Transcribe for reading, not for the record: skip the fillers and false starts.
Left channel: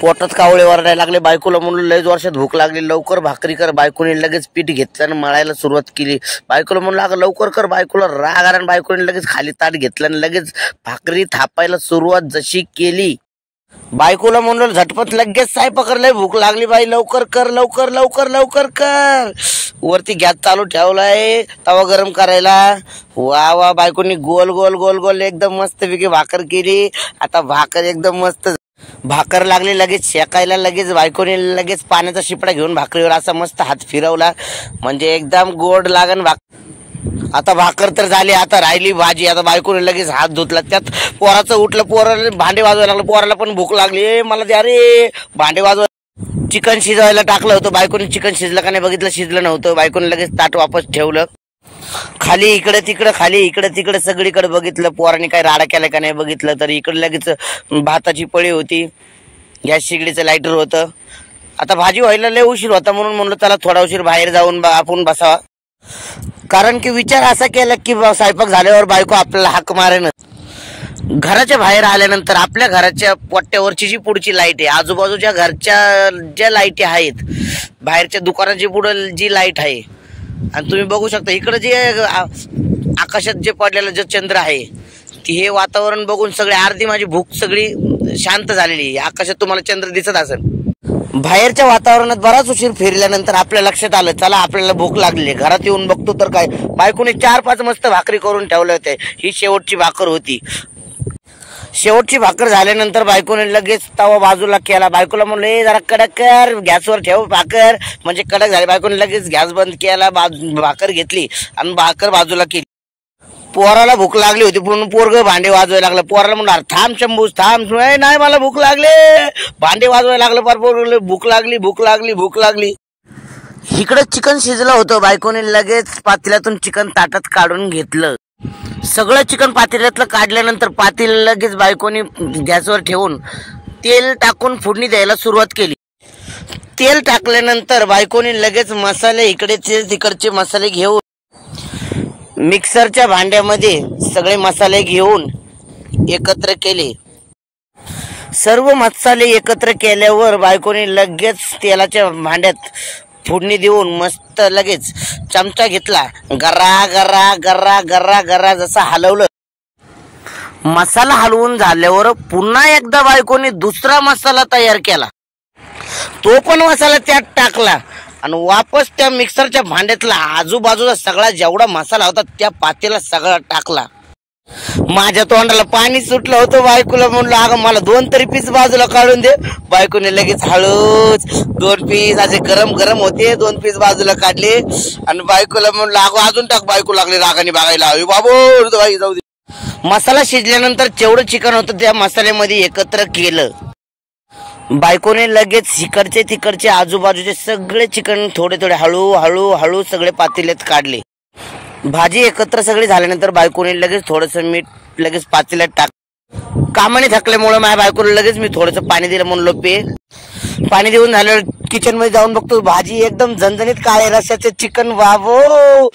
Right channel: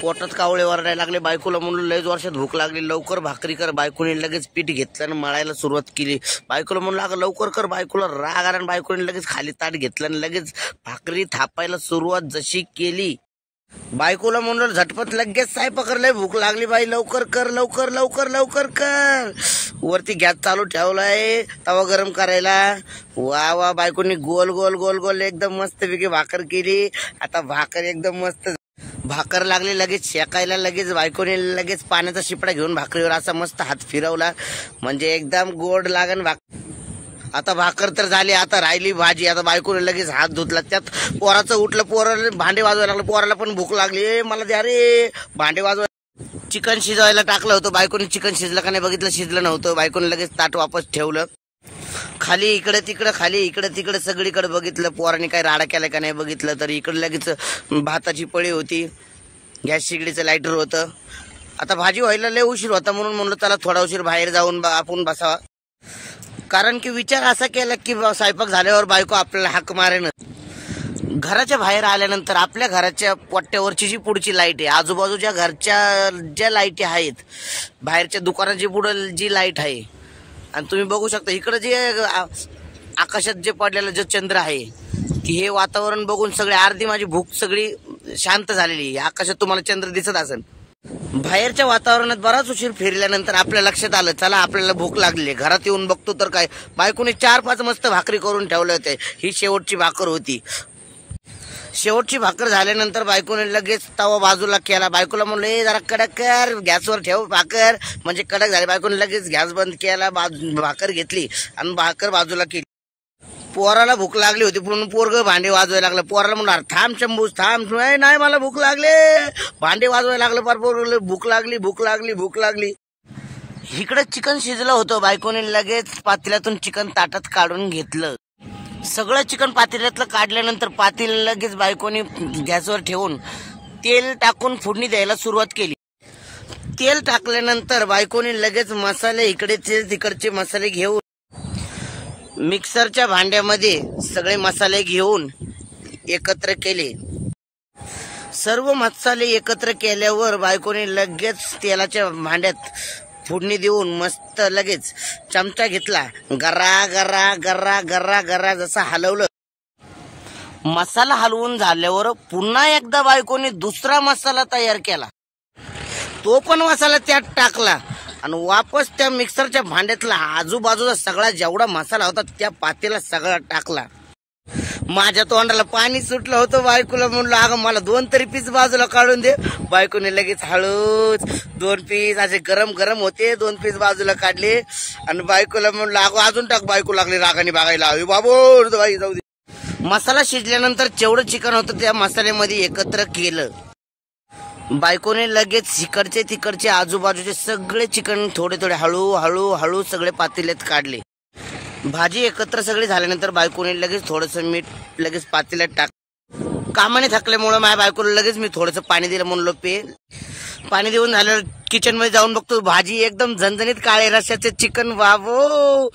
पोटात कावळे वरडायला लागले. बायकोला म्हणलं लयच वर्षात भूक लागली, लवकर भाकरी कर. बायकोने लगेच पीठ घेतलं आणि मळायला सुरुवात केली. बायकोला म्हणलं अगं लवकर कर. बायकोला राग आला. बायकोने लगेच खाली ताट घेतलं आणि लगेच भाकरी थापायला सुरुवात जशी केली. बायकोला म्हणलं झटपट लगेच स्वयंपाक लय भूक लागली बाई, लवकर कर, लवकर लवकर लवकर कर. वरती गॅस चालू ठेवलाय तवा गरम करायला. वा वा, बायकोनी गोल गोल गोल गोल एकदम मस्त पैकी भाकर केली. आता भाकर एकदम मस्त भाकर लागली लगेच शेकायला. लगेच बायकोने लगेच पाण्याचा शिपडा घेऊन भाकरीवर असा मस्त हात फिरवला, म्हणजे एकदम गोड लागन आता भाकर तर झाली. आता राहिली भाजी. आता बायकोने लगेच हात धुतला. त्यात पोराचं उठलं, पोराला भांडे वाजवायला लागलं. पोराला पण भूक लागली, मला द्या रे भांडे वाजवा. चिकन शिजवायला टाकलं होतं. बायकोने चिकन शिजलं का नाही बघितलं, शिजलं नव्हतं. बायकोने लगेच ताट वापस ठेवलं. खाली इकडे तिकडे, खाली इकडे तिकडे सगळीकडे बघितलं. पोराने काय राडा केला का नाही बघितलं. तर इकडे लगेच भाताची पळी होती, गॅस शेगडीचं लायटर होतं. आता भाजी व्हायला लय उशीर होता, म्हणून म्हणलं चला थोडा उशीर बाहेर जाऊन आपण बसावा. कारण की विचार असा केला की स्वयंपाक झाल्यावर बायको आपल्याला हाक मारेन. घराच्या बाहेर आल्यानंतर आपल्या घराच्या पट्ट्यावरची जी पुढची लाईट आहे, आजूबाजूच्या घरच्या ज्या लाईटी आहेत, बाहेरच्या दुकानाची पुढे जी लाईट आहे, आणि तुम्ही बघू शकता इकडे जे आकाशात जे पडलेलं जे चंद्र आहे, ती हे वातावरण बघून सगळे अर्धी माझी भूक सगळी शांत झालेली. आकाशात तुम्हाला चंद्र दिसत असेल. बाहेरच्या वातावरणात बराच उशीर फिरल्यानंतर आपल्या लक्षात आलं चला आपल्याला भूक लागली. घरात येऊन बघतो तर काय, बायकोने 4-5 मस्त भाकरी करून ठेवले होते. ही शेवटची भाकर होती. शेवटची भाकर झाल्यानंतर बायकोने लगेच तवा बाजूला केला. बायकोला म्हणलं जरा कडक कर, गॅसवर ठेव भाकर, म्हणजे कडक झाली. बायकोने लगेच गॅस बंद केला, भाकर घेतली आणि भाकर बाजूला केली. पोराला भूक लागली होती, म्हणून पोरग भांडे वाजवायला लागलं. पोराला म्हणलं थांब शंभूस थांब, नाही मला भूक लागले. भांडे वाजवायला लागलं. फार पोरग भूक लागली भूक लागली भूक लागली. इकडे चिकन शिजलं होतं. बायकोने लगेच पातेल्यातून चिकन ताटात काढून घेतलं. सगळं चिकन पातेल्यातलं काढल्यानंतर पातेलं लगेच बायकोने गॅसवर ठेवून तेल टाकून फोडणी द्यायला सुरुवात केली. तेल टाकल्यानंतर बायकोने लगेच मसाले इकडेचे तिकडचे मसाले घेऊन मिक्सरच्या भांड्यामध्ये सगळे मसाले घेऊन एकत्र केले. सर्व मसाले एकत्र केल्यावर बायकोने लगेच तेलाच्या भांड्यात फोडणी देऊन मस्त लगेच चमचा घेतला. गरा गरा गरा गरा गरा जसा हलवलं. मसाला हलवून झाल्यावर पुन्हा एकदा बायकोने दुसरा मसाला तयार केला. तो पण मसाला त्यात टाकला आणि वापस त्या मिक्सरच्या भांड्यातला आजूबाजूला सगळा जेवढा मसाला होता त्या पातेला सगळा टाकला. माझ्या तोंडाला पाणी सुटलं होतं. बायकोला म्हणलं अगं मला 2 तरी पीस बाजूला काढून दे. बायकोने लगेच हळूच 2 पीस असे गरम गरम होते, 2 पीस बाजूला काढले आणि बायकोला म्हणलं अगं अजून टाक. बायको लागली रागाने बघायला, बाबू बाई जाऊ दे. मसाला शिजल्यानंतर जेवढं चिकन होतं त्या मसाल्यामध्ये एकत्र केलं. बायकोने लगेच इकडचे तिकडचे आजूबाजूचे सगळे चिकन थोडे थोडे हळू हळू हळू सगळे पातेल्यात काढले. भाजी एकत्र सगळी झाल्यानंतर बायकोने लगेच थोडंसं मीठ लगेच पातेल्यात टाक. कामाने थकल्यामुळे माझ्या बायकोला लगेच मी थोडंसं पाणी दिलं, म्हणलो पे. पाणी देऊन झाल्यावर किचन मध्ये जाऊन बघतो भाजी एकदम झणझणीत काळ्या रस्स्याचं चिकन. वावो,